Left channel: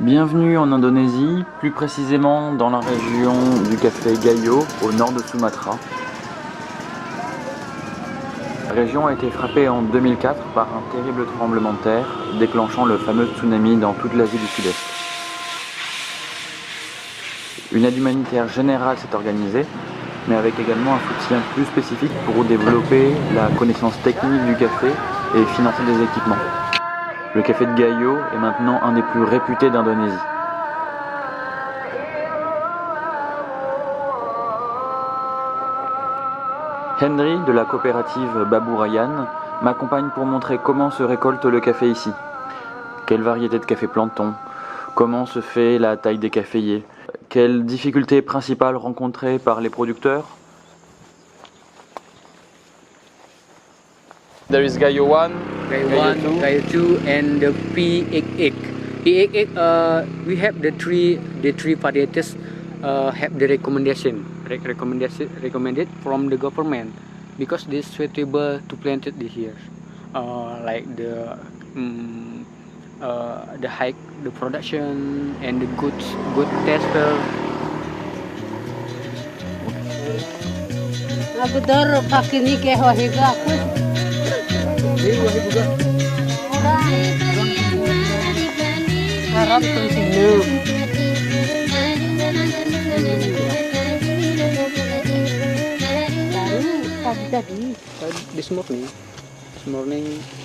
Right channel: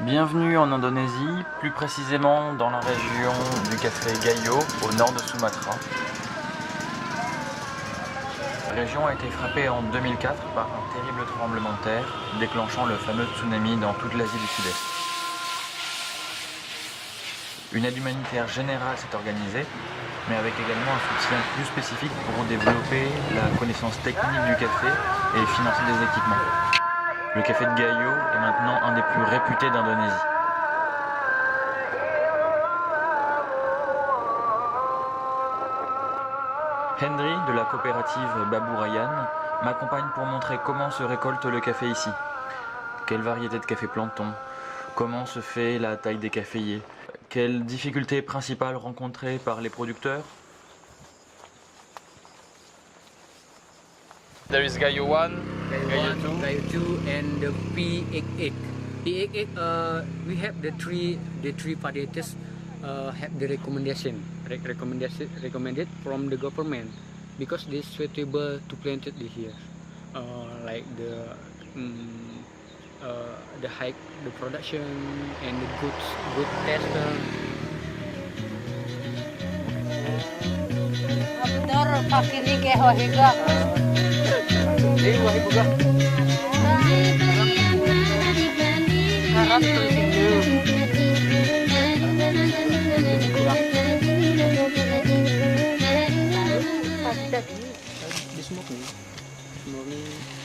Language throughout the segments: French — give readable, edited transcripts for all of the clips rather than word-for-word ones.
Bienvenue en Indonésie, plus précisément dans la région du café Gayo, au nord de Sumatra. La région a été frappée en 2004 par un terrible tremblement de terre, déclenchant le fameux tsunami dans toute l'Asie du Sud-Est. Une aide humanitaire générale s'est organisée, mais avec également un soutien plus spécifique pour développer la connaissance technique du café et financer des équipements. Le café de Gayo est maintenant un des plus réputés d'Indonésie. Henry de la coopérative Baburayan m'accompagne pour montrer comment se récolte le café ici. Quelle variété de café plante-t-on? Comment se fait la taille des caféiers? Quelles difficultés principales rencontrées par les producteurs? There is Gayo 1, Gayo Gayo 1, 2. Gayo 2, and the P88. P88, we have the three varieties have the recommended from the government because this suitable to plant it here, like the high the production and the good tester. Betul, pakai ni ke hohiga aku. Harap tu sini. Tadi This morning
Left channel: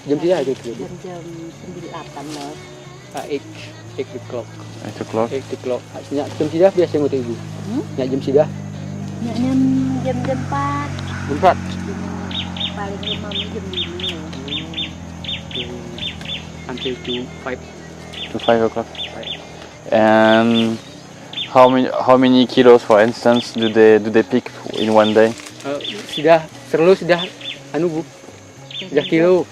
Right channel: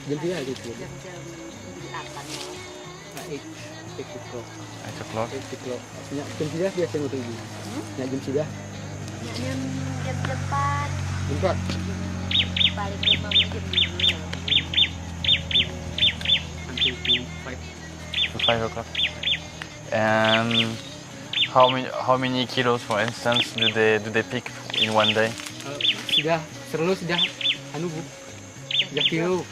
jam dia aja tu. jam 9 loh. 8 o'clock. 8 o'clock. 8 o'clock. Nyak jam sidah biasa ngotot ibu. Nyak jam sidah. Jam 4. Jam 4. Paling lama jam 5. Until to 5. To 5 o'clock. And how many kilos, for instance, do they pick in one day? Sudah anu bu. Sudah kilo.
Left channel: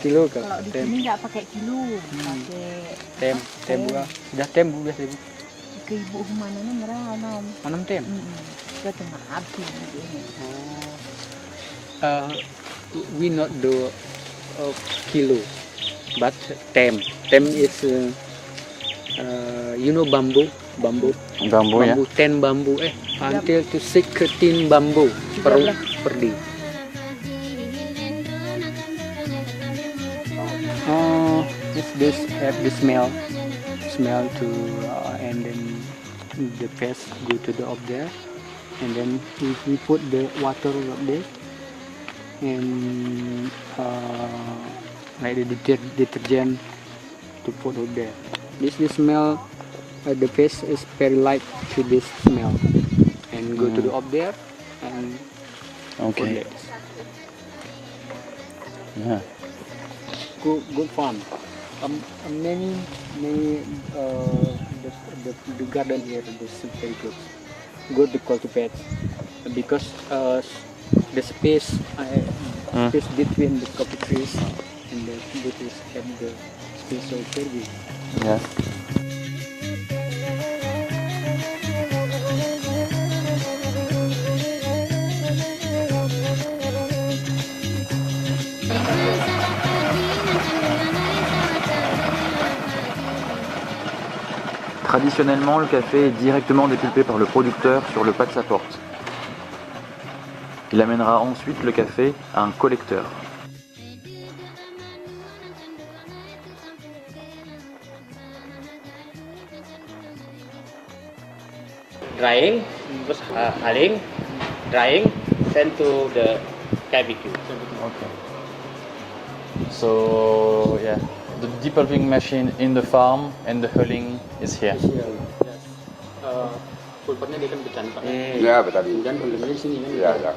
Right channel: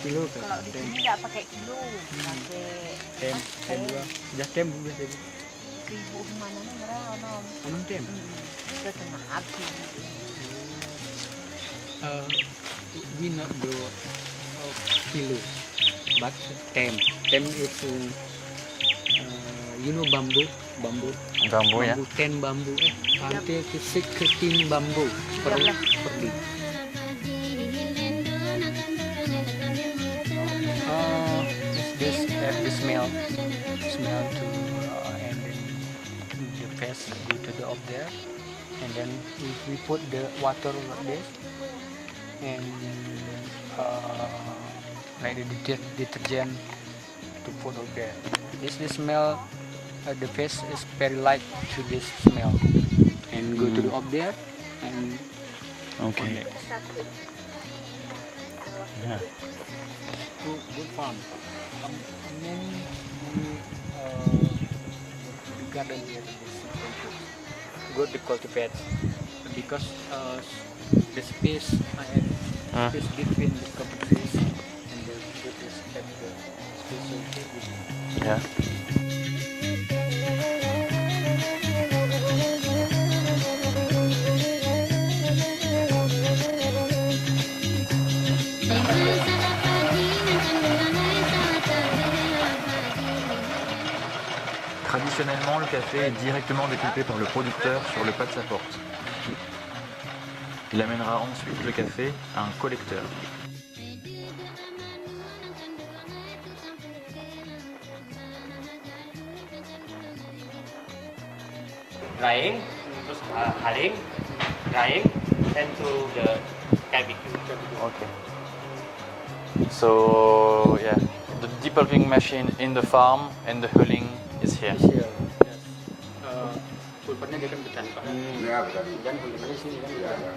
Kilo kan. Kalau di sini nggak pakai kilo, pakai Tem juga. Sudah tem bu biasa bu. ke ibu mana nih merah nom. Anam tem. Ke tengah habis. We not do kilo, but tem. Tem is you know bambu. Bambu ya? 10 bambu until to 16 bambu per day. This have the smell to and then the pest go to the up there, and then we put the water like this and like the detergent to put up there. This smell. The fish is very like to this smell and go to the up there and Okay. Yeah. good farm. Many the garden here is very good to cultivate because the space between the coffee trees and the bamboo trees have the space so very big. Yeah. Traditionnellement, le café est directement découpé par le producteur sur le pas de sa porte. Il amènera ensuite le café à un collecteur. Drying, terus haling, drying, then to the barbecue. Okay. So yeah, the depulping machine in the farm and the hulling is here. Pulpernya dia kan becan pak. Ya, petani. Dan hulingnya di sini kan. Ya, ya.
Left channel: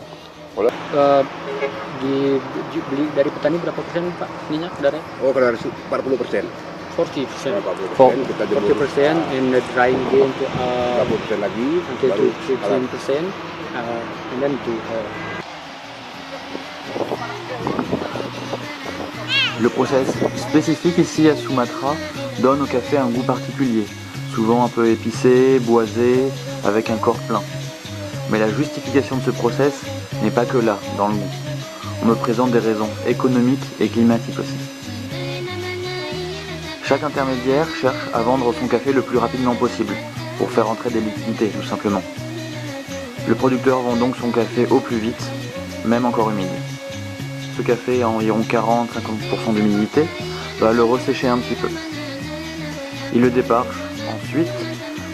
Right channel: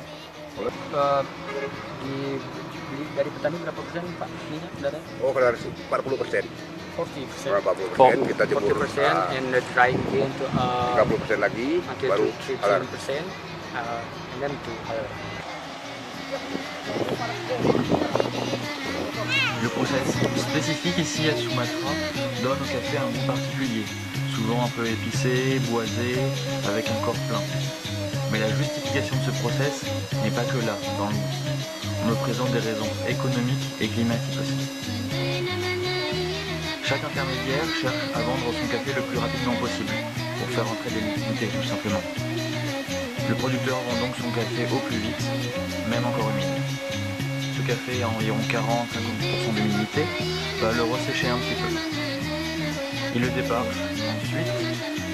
Beli dari petani berapa persen pak minyak darah? Oh, kalau harus 40%. 40%. 40% kita jemur. 40% and the drying gain to 40% lagi. until to baru 15% and then to Le process spécifique ici à Sumatra donne au café un goût particulier, souvent un peu épicé, boisé, avec un corps plein. Mais la justification de ce process n'est pas que là, dans le goût. On me présente des raisons économiques et climatiques aussi. Chaque intermédiaire cherche à vendre son café le plus rapidement possible, pour faire entrer des liquidités tout simplement. Le producteur vend donc son café au plus vite, même encore humide. Ce café à environ 40-50% d'humidité va le ressécher un petit peu. Il le déparche ensuite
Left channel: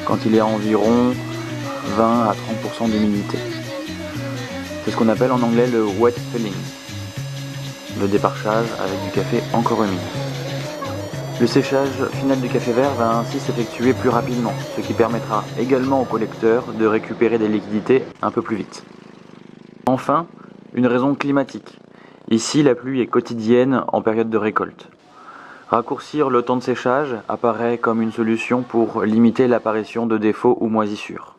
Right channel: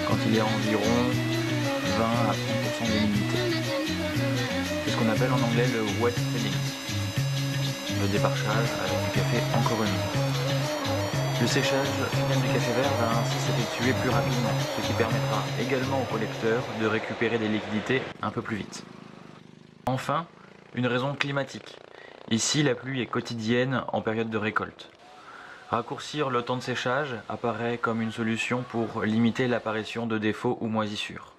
quand il est à environ 20 à 30% d'humidité. C'est ce qu'on appelle en anglais le wet filling, le déparchage avec du café encore humide. Le séchage final du café vert va ainsi s'effectuer plus rapidement, ce qui permettra également au collecteur de récupérer des liquidités un peu plus vite. Enfin, une raison climatique. Ici, la pluie est quotidienne en période de récolte. Raccourcir le temps de séchage apparaît comme une solution pour limiter l'apparition de défauts ou moisissures.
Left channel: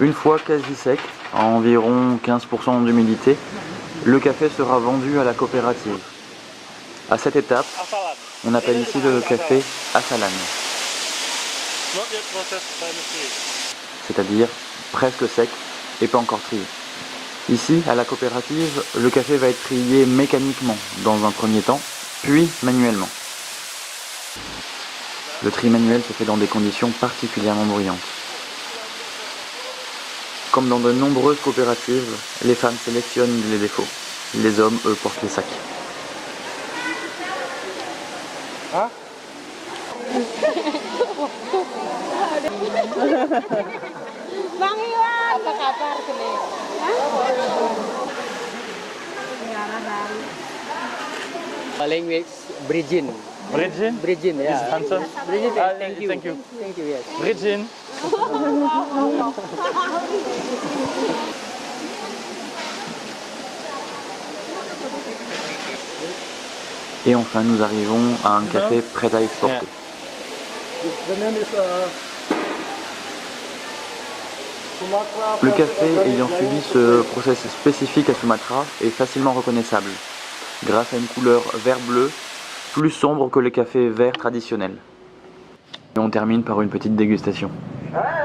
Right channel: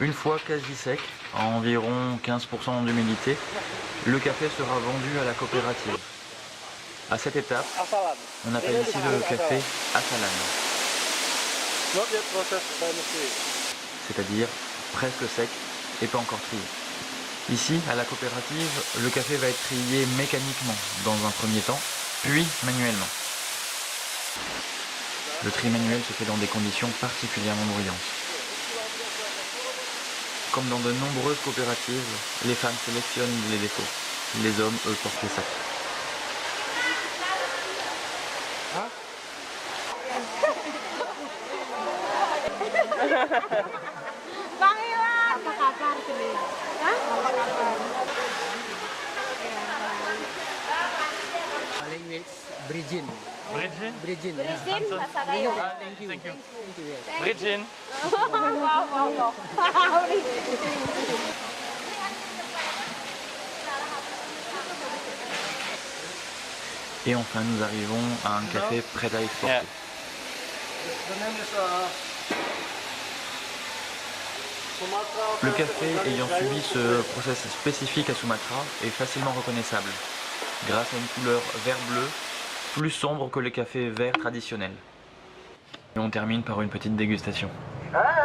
Une fois quasi sec, à environ 15% d'humidité, le café sera vendu à la coopérative. À cette étape, on appelle ici le café asalan, c'est-à-dire presque sec et pas encore trié. Ici, à la coopérative, le café va être trié mécaniquement dans un premier temps, puis manuellement. Le tri manuel se fait dans des conditions particulièrement bruyantes. Comme dans de nombreuses coopératives, les femmes sélectionnent les défauts. Les hommes, eux, portent les sacs. Apa kabar kene? Language Bridgin. Bridgin? Bridgin, yeah. Hanson? Bridgin, Thank you. Thank you, yes. Bridgin. Et enfin, nous arrivons à un café prêt à exporter. Le café ayant subi ce process spécifique à Sumatra est facilement reconnaissable, grâce à une couleur vert-bleu plus sombre que le café vert traditionnel. Et on termine par une petite dégustation. Ah